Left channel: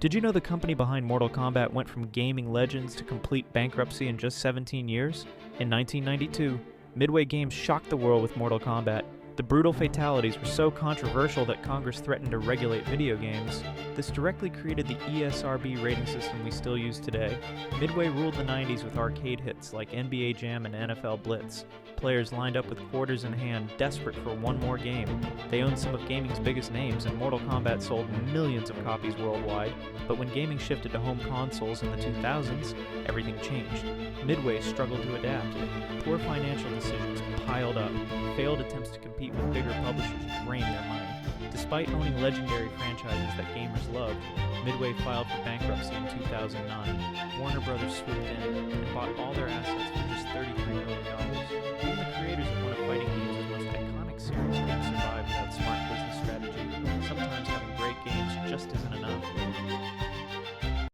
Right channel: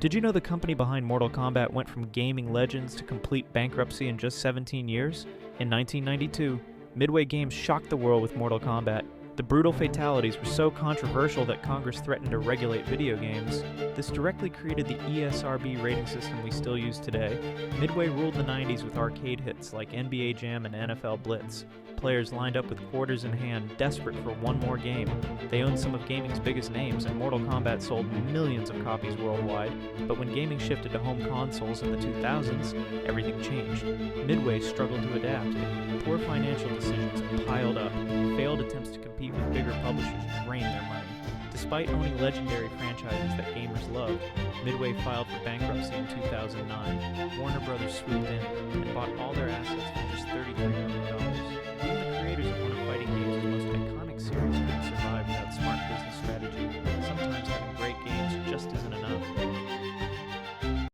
Did you know the company behind Mortal Kombat went from gaming legends to complete bankruptcy in just 17 years? In 1992, Midway Games shocked the world with Mortal Kombat. The brutal fatalities were so controversial that Congress threatened to regulate video games. This directly created the ESRB rating system we still use today. Midway ruled the 90s with arcade hits like NBA Jam and NFL Blitz. Players lined up with quarters in hand, desperate for one more game. They owned some of gaming's biggest names, and Mortal Kombat sold millions of copies worldwide. But when gaming shifted to home consoles in the 2000s, everything changed. Midway struggled to adapt. Poor financial decisions piled up. Failed attempts to compete with bigger publishers drained their money. Despite owning legendary franchises that gamers loved, Midway filed for bankruptcy in 2009. Warner Brothers swooped in and bought all their assets for just $33 million. Even the creators of one of fighting games' most iconic series couldn't survive without smart business strategy. Sometimes having great games just isn't enough.